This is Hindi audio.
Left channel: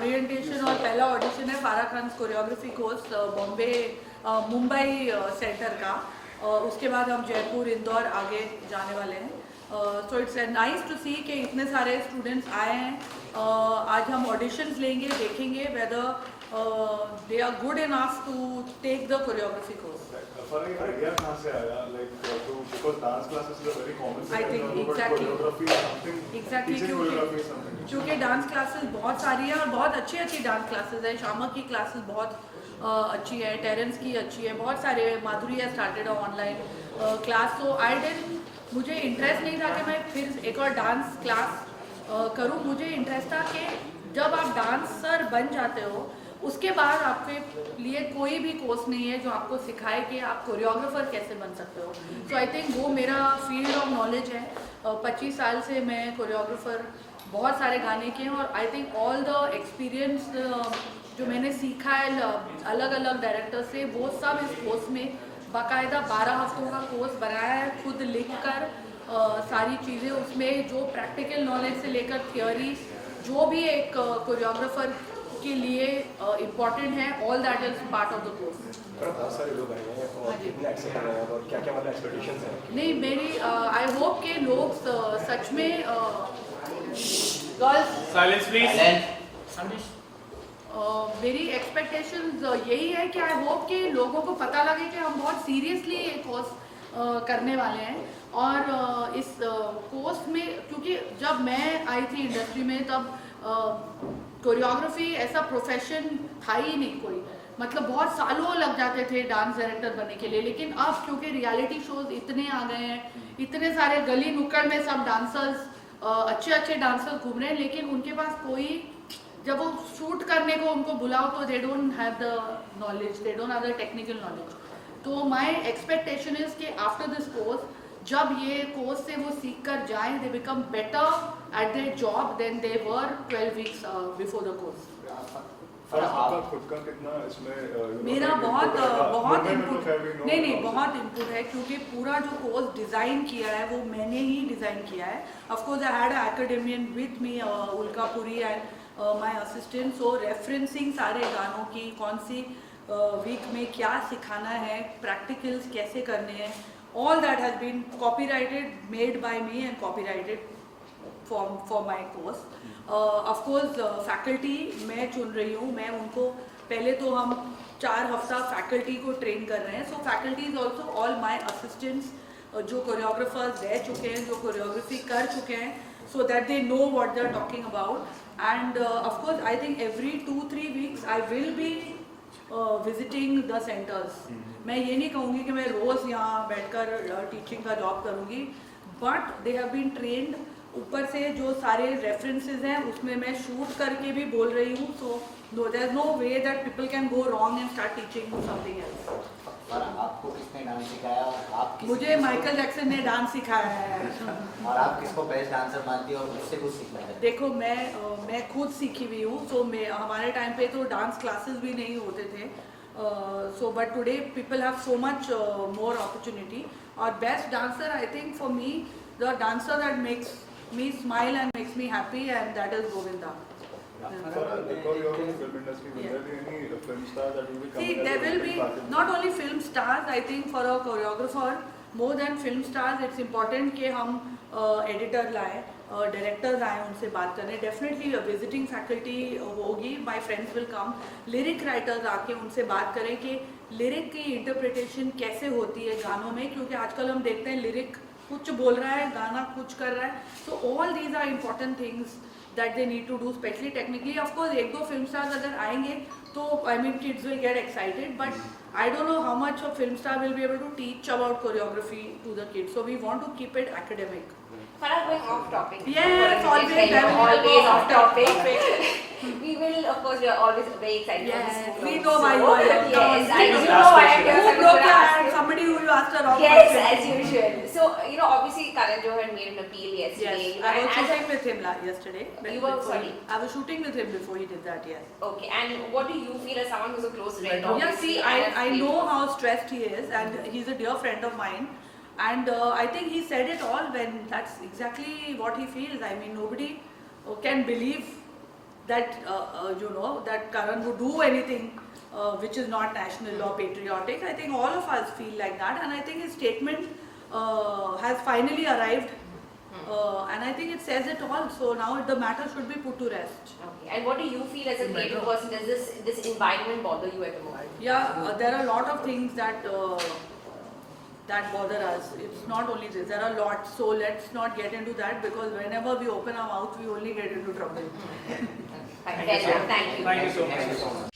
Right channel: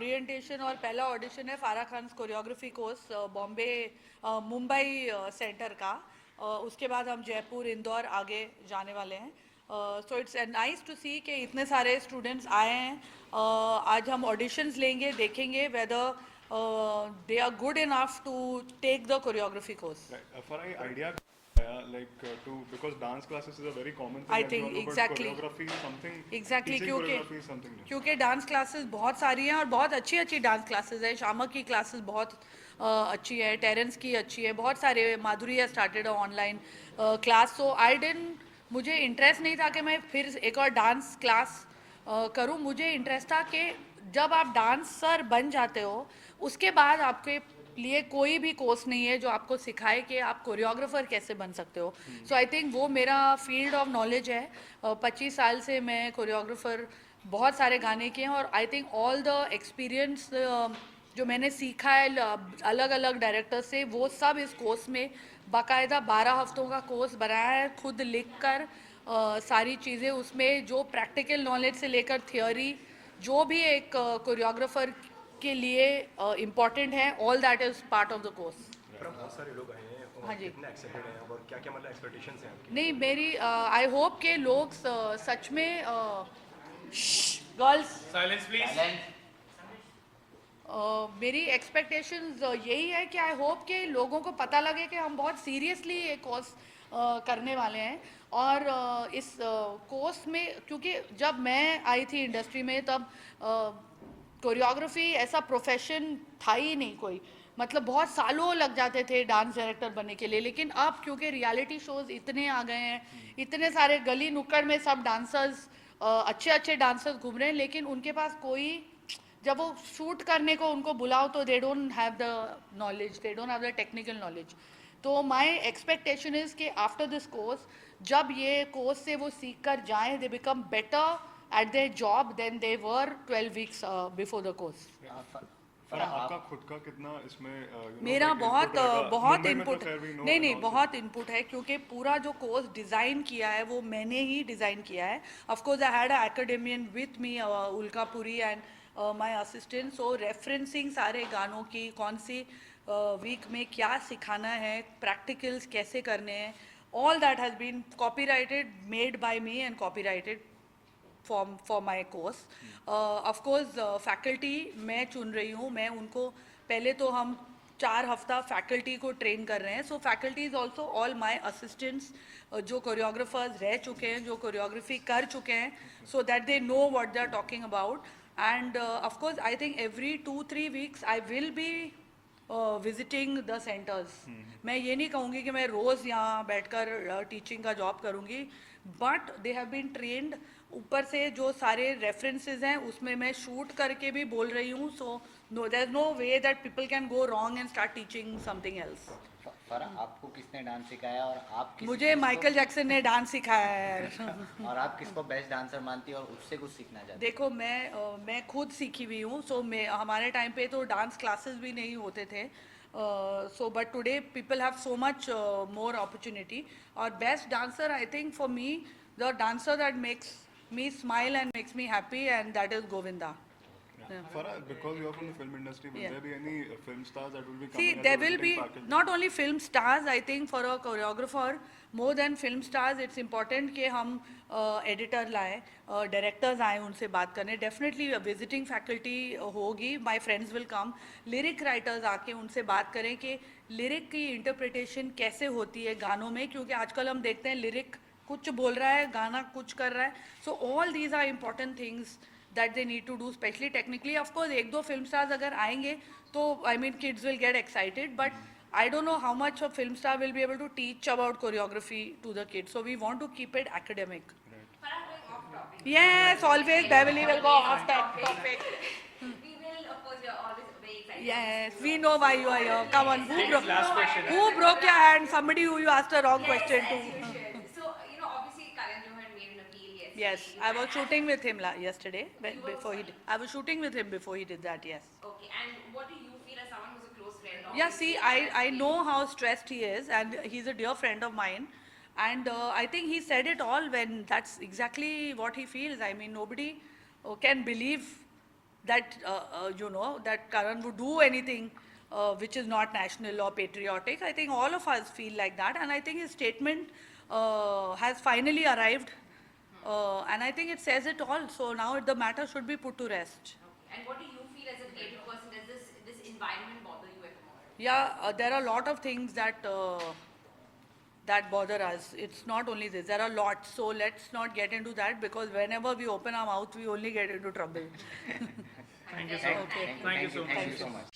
ओरिएंटेशन और पहला ऑडिशन है फारा Khan choreography course Bombay Mumbai centre का। उसके बाद हम जयपुर इंदौर आगे जाने वाले हैं। सो इट्स नाइस टू सी कि इतने सारे स्टूडेंट्स आए हैं। आज हम ऑडिशंस लेंगे, देखेंगे whether they are good enough to take the choreography course. Farah, idea कहाँ से आया? Like because dance classes is a very common thing. I think exactly. Choreography is something. Exactly, क्योंकि डांस क्लासेस बहुत सारी है और बहुत अच्छी अच्छी डांस क्लासेस है। शामा की क्लासेस बहुत अच्छी है, टेरेंस की अच्छी है, बहुत सारे, माधुरी स्टार्टेड है online class. So I didn't, मुझे इंटरेस्ट नहीं था कि मैं फिर एक और डांस क्लास करूं। मुझे इंटरेस्ट था कि जब आप डांसर बन जाते हो उसके बाद आपके लिए कोई भी कोर्स नहीं है जो आपको सिखाए कि आप कोरियोग्राफर कैसे बन सकते हो। सो आई थिंक वो मेरा फील्ड ऑफ नॉलेज है। 25 साल से मैं कोरियोग्राफर बहुत सारे गाने किए हैं और I think all the experience जो मैंने सीखा है अलग अलग डायरेक्टर से, वो सब इस कोर्स में बाकायदा 12 हफ्तों का कोर्स बनाया है, खुद लिख कर सारी चीज़ें उसमें, जो प्रैक्टिकल नॉलेज से लेकर थियोरी जो भी एक कोरियोग्राफर के लिए इम्पोर्टेंट है, all that is part of the course. बहुत सारे लोग आए हैं और कितने एक्सेप्ट कर रहे हैं और क्या क्या मतलब एक्सपेक्टेशंस हैं? नहीं, मेरी आई होप के लोग सच में गर्ल्स साइलेंस प्लीज। मेरी एक्सपेक्टेशंस यही है कि आई होप कि लोगों को पता लगे कि हम बहुत सीरियसली ये कोर्स करने वाले हैं। और इस कोर्स में, क्योंकि जब मैं आई थी इंडस्ट्री में तब कोरियोग्राफी ऐसा प्रोफेशन था ही नहीं कोई, मतलब बहुत सालों लग जाते थे डांस डायरेक्टर बनने के लिए। लेकिन अब क्योंकि रियलिटी शोज इतने आ गए हैं, इतने सारे गली नुक्कड़ में सब डांसर्स अच्छे अच्छे डांसर्स घूम रहे हैं, लेकिन उनके पास कोई, जब वो शूट करने को उनको बुलाओ तो they don't have the knowledge, they don't have the technical knowledge. तो माय एक्सपेक्टेशन इज कि आफ्टर दिस कोर्स, जब ये कोर्स से वो सीख कर जाएं, they become better at their job than they were 12 weeks before the course. आपका खुद का कितना इसमें मेरा बहुत इनपुट, नहीं बहुत इनपुट है, क्योंकि पूरा जो कोर्स डिज़ाइन किया है वो मैंने ही डिज़ाइन किया है। Of course I had an academician with me, Ulkapuri and my assistant. So referencing सारे गानों की, कौन सी वीक में क्या सिखाना है, प्रैक्टिकल्स कैसे करने हैं, all that has been copyrighted, made by me and copyrighted for my course. Of course faculty मैं चुन रही हूँ, मैं उनको पहले तो हम 4 हफ्ता फैकल्टी को ट्रेन कर रहे हैं। So faculty is also all my assistants जो कोरियोग्राफर्स रह चुके हैं, जो कोरियोग्राफी कर चुके हैं, so that they know what they are talking about. And of course I think every 2-3 weeks I will be visiting the centres. मैं ये नहीं कहूँगी कि मैं रोज़ यहाँ बैठकर टीचिंग का जॉब करूँगी, but they have been trained. ऊपर से जो सारे रेफरेंसेस हैं उसमें मैं शूट करके भी बोल रही हूँ। So there is no way that people can go wrong and start teaching something else. और आपको किसने डांस सिखाया और आप मुझे माइकल जैक्सन ने डांस सिखाया है। और आप किसको बेस्ट डांसर मानती हो और उससे कुछ सीखना चाहते? देखो, मैं खुद सीखी हुई हूँ। सो हमारे टाइम पे तो डांस क्लासेस भी नहीं होते थे। So but today people have so much more opportunity. और best dancer I think for me, the dancer that makes me smile and makes me happy, and that is Govinda. Because you are from the film industry, will there be any film stars that will be coming? See, there will be not only film stars. I think for a choreographer, more than film stars, it's important कि हम editor लाएं, directors आएं उनसे बात करने। Definitely visiting faculty होगी, my friends will come. Lyric writers आके उनसे बात करें कि lyric की interpretation कैसे होती है गानों में, क्योंकि आजकल हम देखते हैं lyric कुछ बोल रहा है, गाना कुछ कर रहा है। So all these are important things that they need to do, specially technically. Of course 1-2 film stars अगर आएंगे तो I mean kids will get excited, but I don't know how much a film star will be able to teach about choreography to the kids. So we want to keep it academic. Farah, going off topic. Yes, always. Always off topic. We will, of course, we are always very excited. Yes, we know why you are here. Yes, We I know. know why I'm here. Who broke your hand? Somebody who you asked a wrong Yes, question. as usual. So, obviously, Karan Johar made an appeal yesterday. Yes, I was shooting with him yesterday. You were, sorry? I was shooting with him before he did that, yes. Okay, and what do you feel as someone who's a close friend? Yeah, obviously, see, and I has know how stressed he is, and he's a dear friend of mine. And I think he said it all when that's exactly what he feels. I mean, nobody can believe that that Karan would do anything which is not national or patriotic. I think all of us feel like that, and I think his statement has finally arrived, and I think it says it all. So now the matter should be put to rest. Okay. And what do you feel as a creative person? Does this environment bother you at the moment? Yeah, there are a lot of things that that bother us. It's not only this. There are lots. So let's not get into that, because whenever we open our mouth, we only get into trouble. Thank you. Thank you so much. Thank you so much.